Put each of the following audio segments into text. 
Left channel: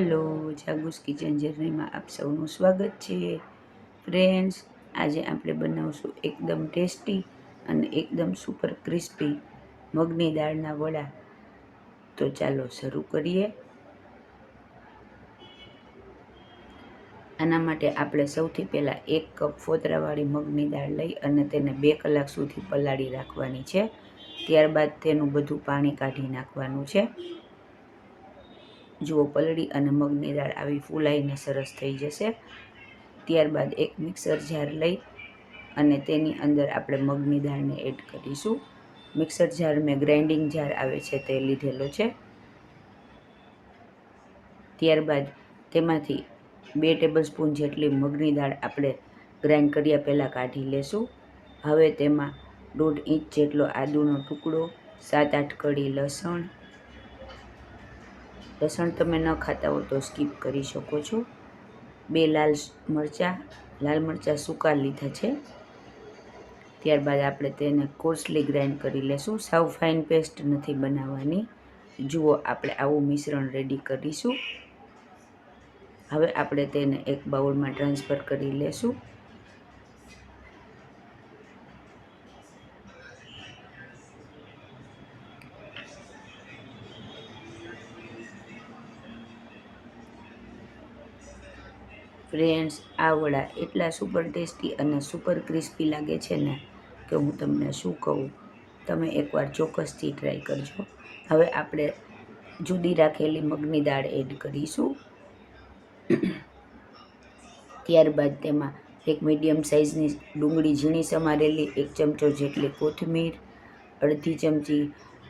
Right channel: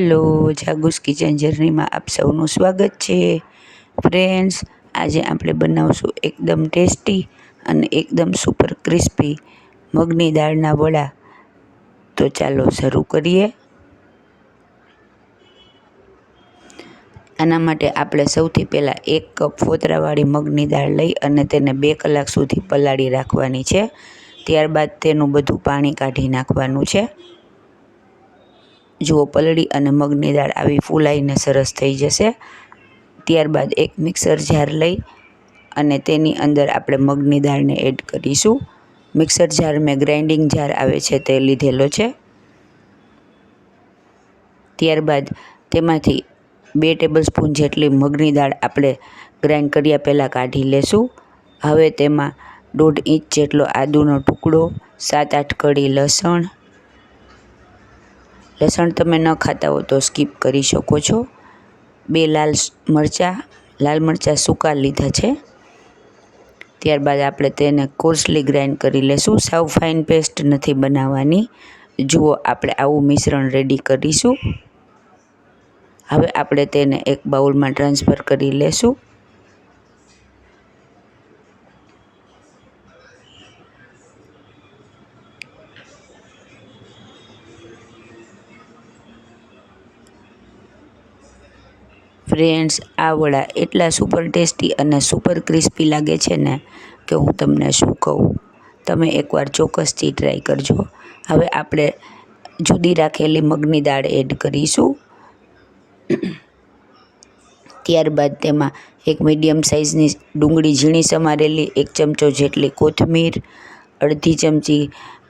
Hello, જાગુસ kitchen જર્નીમાં આપ સૌનું સ્વાગત છે. ફ્રેન્ડ્સ, આજે આપણે બનાવશું એકદમ ટેસ્ટી અને એકદમ સુપર ક્રિસ્પી મગની દાળના વડા. તો ચાલો શરૂ કરીએ. આના માટે આપણે સૌથી પહેલાં 1 કપ ફોતરાવાળી મગની દાળ લઈ અને તેને 2 કલાક સુધી પલાળી રાખવાની છે. ત્યારબાદ તેનું બધું પાણી કાઢી નાખવાનું છે. જુઓ, પલળી અને મગની દાળ આવી ફૂલાઈને સરસ થઈ જશે. ત્યારબાદ એક મિક્સર જાર લઈ અને તેની અંદર આપણે મગની દાળને એડ કરીશું. મિક્સર જાર મેં ગ્રાઇન્ડિંગ જાર આવે છે તે લીધેલો છે. ત્યારબાદ તેમાંથી 2 ટેબલસ્પૂન જેટલી મગની દાળ આપણે ગ્રાઇન્ડ કર્યા પહેલાં કાઢી લેશું. હવે તેમાં 1.5 ઇંચ જેટલો આદુનો ટુકડો, 7-8 કળી લસણ તમે ન ખાતા હો તો સ્કીપ કરી શકો છો. 2 લાલ મરચાં સૂકા લીધા છે. ત્યારબાદ આપણે તેને કોર્સલી ગ્રાઇન્ડ કરી લેશું. સાવ ફાઇન પેસ્ટ નથી બનાવવાની. જુઓ, આપણે આવું મિશ્રણ રેડી કરીશું. હવે આપણે તેને એક બાઉલમાં ટ્રાન્સફર કરી લેશું. ફ્રેન્ડ્સ, આ વડા એટલા સુપર ટેસ્ટી અને સુપર ક્રિસ્પી લાગે છે ને કે હું તમને શું કહું. તમે એકવાર ચોક્કસથી ટ્રાય કરજો. હવે આપણે જુદી રાખેલી મગની દાળ એડ કરીશું. ત્યારબાદ તેમાં એક મીડિયમ સાઇઝની ડુંગળી ઝીણી સમારેલી, 1 ચમચો જેટલી કોથમીર, અડધી ચમચી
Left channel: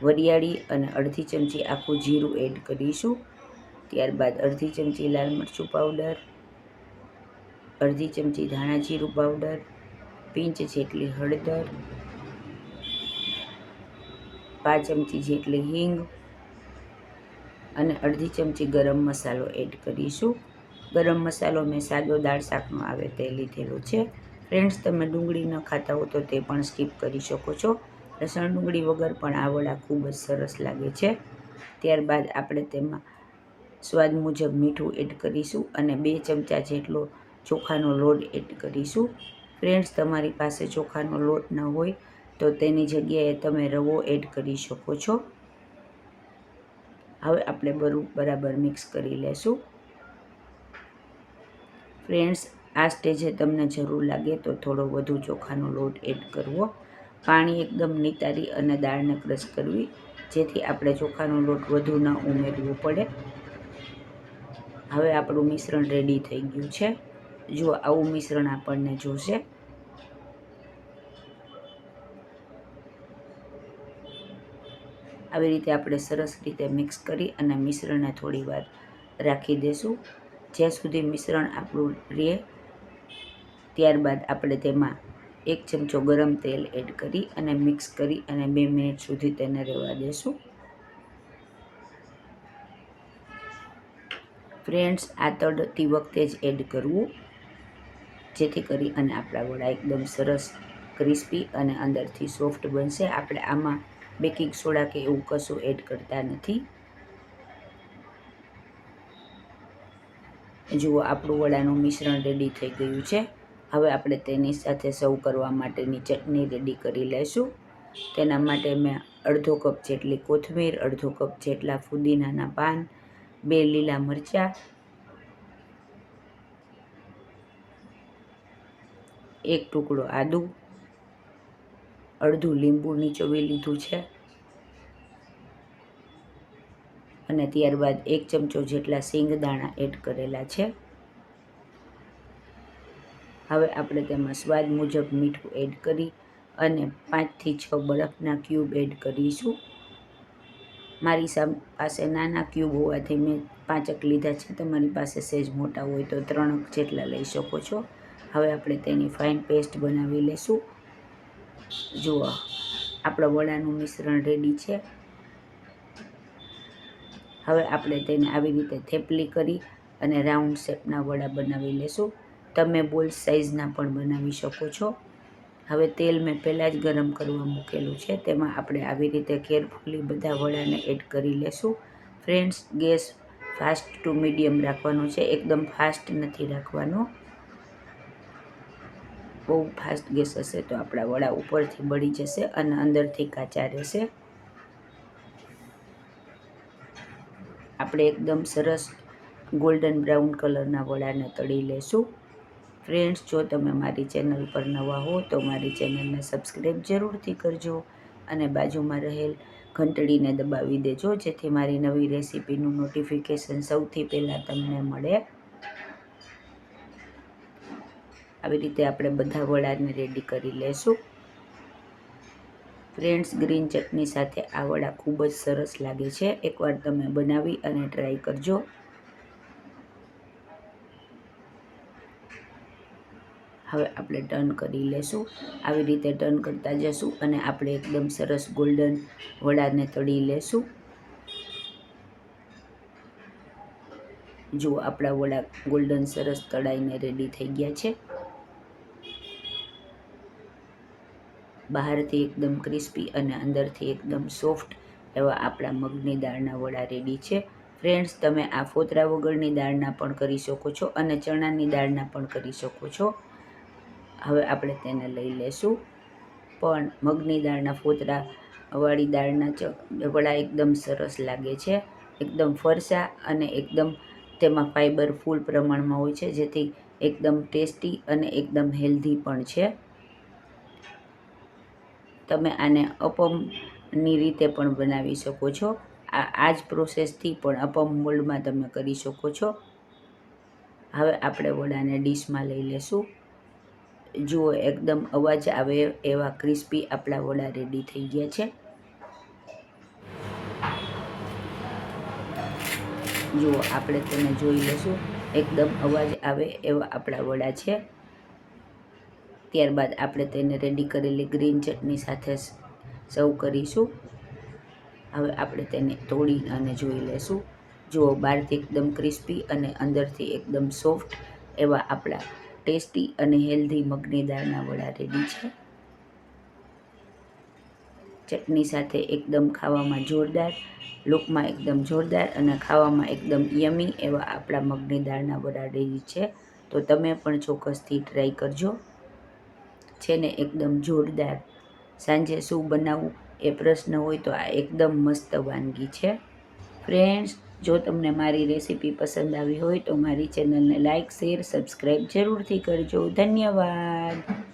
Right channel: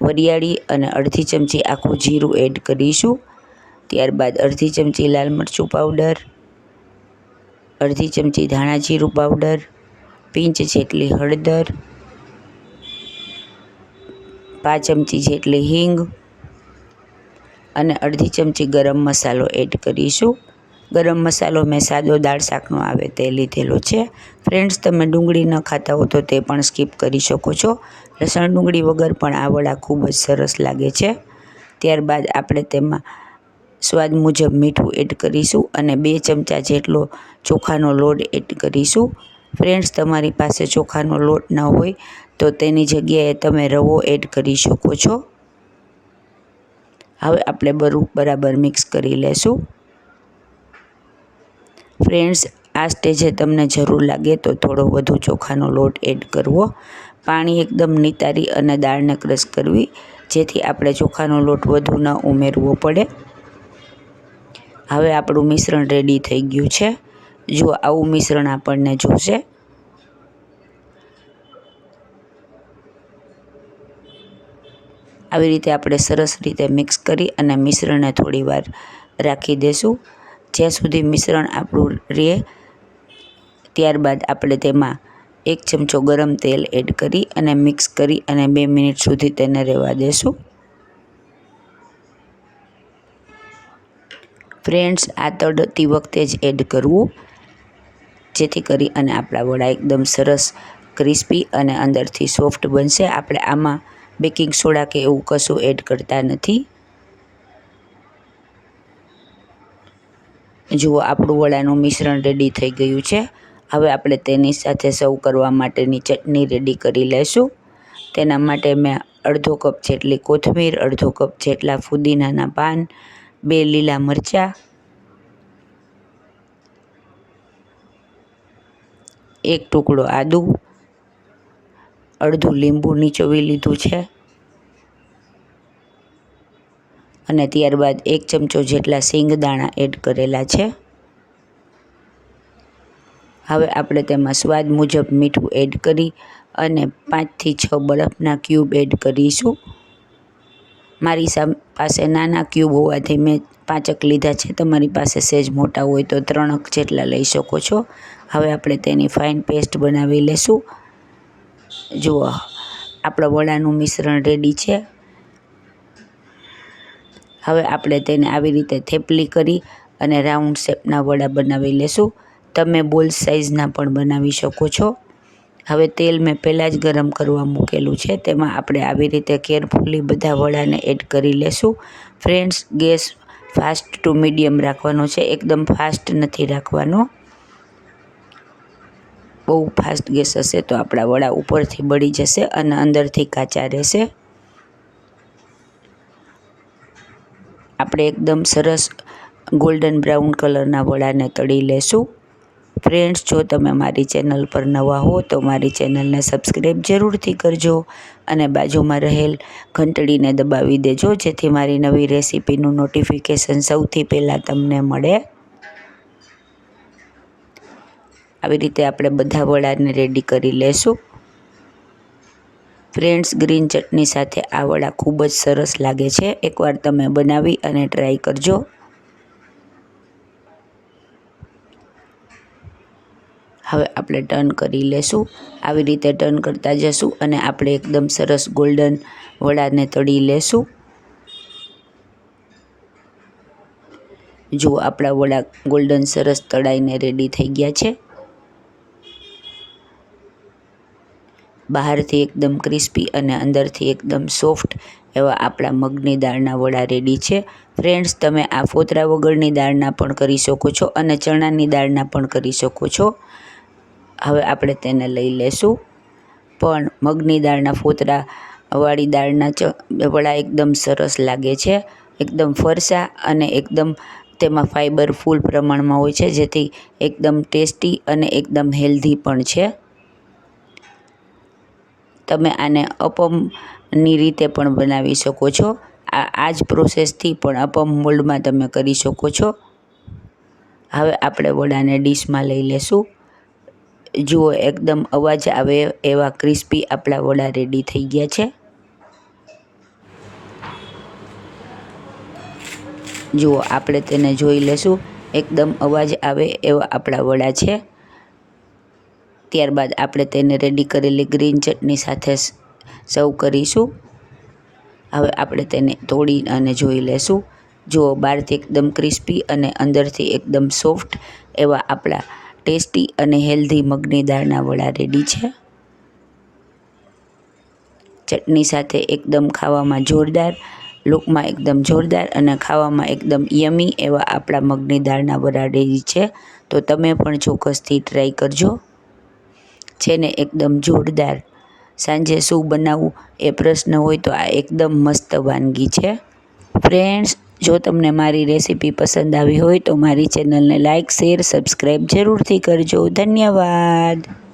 વરિયાળી અને અડધી ચમચી આખું જીરું એડ કરીશું. ત્યારબાદ અડધી ચમચી લાલ મરચું પાવડર, અડધી ચમચી ધાણા જીરું પાવડર, પિંચ જેટલી હળદર, 5 ચમચી જેટલી હિંગ અને અડધી ચમચી ગરમ મસાલો એડ કરીશું. ગરમ મસાલો મેં સાદો દાળ શાકનો આવે તે લીધેલો છે. ફ્રેન્ડ્સ, તમે ડુંગળી ન ખાતા હો તો તે પણ સ્કીપ કરી શકો છો. લસણ ડુંગળી વગર પણ આ વડા ખૂબ જ સરસ લાગે છે. ત્યારબાદ આપણે તેમાં સ્વાદ મુજબ મીઠું એડ કરીશું અને 2 ચમચા જેટલો ચોખાનો લોટ એડ કરીશું. ફ્રેન્ડ્સ, તમારી પાસે ચોખાનો લોટ ન હોય તો તેની જગ્યાએ તમે રવો એડ કરી શકો છો. હવે આપણે બરાબર મિક્સ કરી લેશું. ફ્રેન્ડ્સ, આ સ્ટેજે તમને જરૂર લાગે તો થોડો વધુ ચોખાનો લોટ એડ કરવો. પાણી એકદમ નિતારી અને દાળને ક્રશ કરવી, જેથી આપણે ચોખાનો લોટ વધુ ન ઉમેરવો પડે. હવે આપણું મિશ્રણ રેડી થઈ ગયું છે. જો આવું મિશ્રણ આપણને જોશે. આવી રીતે આપણે સરસ રીતે મિક્સ કરી અને મિશ્રણને થોડી વાર રાખી દેશું, જ્યાં સુધી મિશ્રણ આપણું રહે. ત્યારબાદ આપણે તેમાં 1 ચમચો ગરમ તેલ એડ કરી અને મિક્સ કરી અને 2 મિનિટ સુધી તેને રહેવા દેશું. ફ્રેન્ડ્સ, આ તળતી વખતે જ એડ કરવું, જેથી કરી અને આપણા વડા એકદમ સરસ ક્રિસ્પી અને અંદરથી સોફ્ટ બનશે. આપણે આમાં બેકિંગ સોડા કે એવું કશું એડ કરતા નથી. જુઓ, આપણું વડાનું મિશ્રણ રેડી થઈ ગયું છે. હવે આપણે તેની સાથે સર્વ કરવા માટેની ચટણી રેડી કરી લઈશું. તેના માટે મેં અડધો કપ જેટલી કોથમીર, અડધો કપ જેટલા ફુદીનાના પાન, 2 લીલા મરચાં, 1 ટુકડો આદુ, અડધું લીંબુ નીચોવી લીધું છે અને ત્યારબાદ 1 ચમચો જેટલા સિંગદાણા એડ કરેલા છે. હવે આપણે તેમાં સ્વાદ મુજબ મીઠું એડ કરી અને 5 થી 6 બરફના ક્યુબ એડ કરીશું. મારી પાસે નાના ક્યુબ હોવાથી મેં 5 લીધા છે. તમારી પાસે સહેજ મોટા હોય તો 3 જેટલા લઈ શકો છો. હવે આપણે તેની ફાઇન પેસ્ટ બનાવી લેશું. જુઓ, આપણા વડાનું મિશ્રણ રેડી છે. હવે આપણે તેને આવી રીતે થેપલી કરી અને રાઉન્ડ શેપના વડા બનાવી લેશું. તમે બોલ સાઇઝના પણ બનાવી શકો છો. હવે તેલ મેં પહેલાં જ ગરમ કરવા મૂકેલું છે. તેમાં આપણે આવી રીતે કેરફુલી બધા વડાને એડ કરી લેશું. Friends, gas fast to medium રાખવાનો છે, એકદમ ફાસ્ટ નથી રાખવાનો. બહુ ફાસ્ટ ગેસ હશે તો આપણા વડા ઉપરથી બળી જશે અને અંદરથી કાચા રહેશે. આપણે એકદમ સરસ ગોલ્ડન બ્રાઉન કલરના વડાને તળી લેશું. ફ્રેન્ડ્સ, જો તમે મારી ચેનલ પર નવા હો તો મારી ચેનલને સબસ્ક્રાઈબ જરૂરથી કરજો અને બાજુમાં રહેલ ઘંટડીને દબાવી દેજો, જેથી મારી નવી રેસીપીનું નોટિફિકેશન સૌથી પહેલાં તમને મળે. આવી રીતે આપણે બધા વડાને રેડી કરી લેશું. ફ્રેન્ડ્સ, ગ્રીન ચટણી સાથે આ વડા ખૂબ જ સરસ લાગે છે. એકવાર તમે બનાવી અને ટ્રાય કરજો. હવે આપણે ટર્ન કરી લેશું. આવી રીતે ટર્ન કરતા જશું અને આપણે એકદમ સરસ ગોલ્ડન વડાને તળી લેશું. જો આપણા વડા ગોલ્ડન સરસ તળાઈને રેડી થઈ ગયા છે. બહારથી એકદમ ક્રિસ્પી અને અંદરથી એકદમ સોફ્ટ એવા આપણા મગની દાળના વડા રેડી છે. ફ્રેન્ડ્સ, તમે આ ફોતરા વગરની દાળના પણ કરી શકો છો અને ચણાની દાળના પણ કરી શકો છો. હવે આપણે તેને લઈ લેશું. પણ મગની દાળના ફોતરાવાળી દાળના વડા એકદમ સરસ લાગે છે, એકદમ ફરસા અને એકદમ તેમાં ફાઈબર ફૂલ પ્રમાણમાં હોય છે, જેથી એકદમ ટેસ્ટી અને એકદમ હેલ્ધી પણ છે. તમે આને અપમની રીતે પણ બનાવી શકો છો. આ જ પ્રોસેસથી પણ અપમ મોલ્ડમાં તમે કરી શકો છો. હવે આપણે વડાને ડીશમાં લઈ લેશું. જુઓ, એકદમ અવાજ આવે એવા ક્રિસ્પી આપણા વડા રેડી થઈ ગયા છે. જુઓ, આપણે તેને જોઈ લેશું. એકદમ અવાજ આવે એવા આપણા વડા છે. ત્યારબાદ આપણે તેને રેડી કરેલી ગ્રીન ચટણી સાથે સર્વ કરીશું. હવે આપણે તેને તોડી અને જોઈ લેશું. જુઓ, બહારથી એકદમ ક્રિસ્પી અને અંદરથી એકદમ સોફ્ટ એવા આપણા ટેસ્ટી અને હેલ્ધી મગની દાળના વડા રેડી છે. ચટણી સાથે એકદમ ખાવામાં જોરદાર, લુકમાં એકદમ જોરદાર અને ખાવામાં એકદમ યમી એવા આપણા મગની દાળના વડા રેડી છે. તો તમે પણ ચોક્કસથી ટ્રાય કરજો. છે ને એકદમ જોરદાર. સાંજે શું બનાવવું એ પ્રશ્ન હોય તો આ એકદમ મસ્ત વાનગી છે. ફ્રેન્ડ્સ, જો તમને મારી રેસીપી પસંદ આવી હોય તો મારી ચેનલને લાઇક, શેર, સબસ્ક્રાઈબ જરૂરથી કરજો. ધન્યવાદ.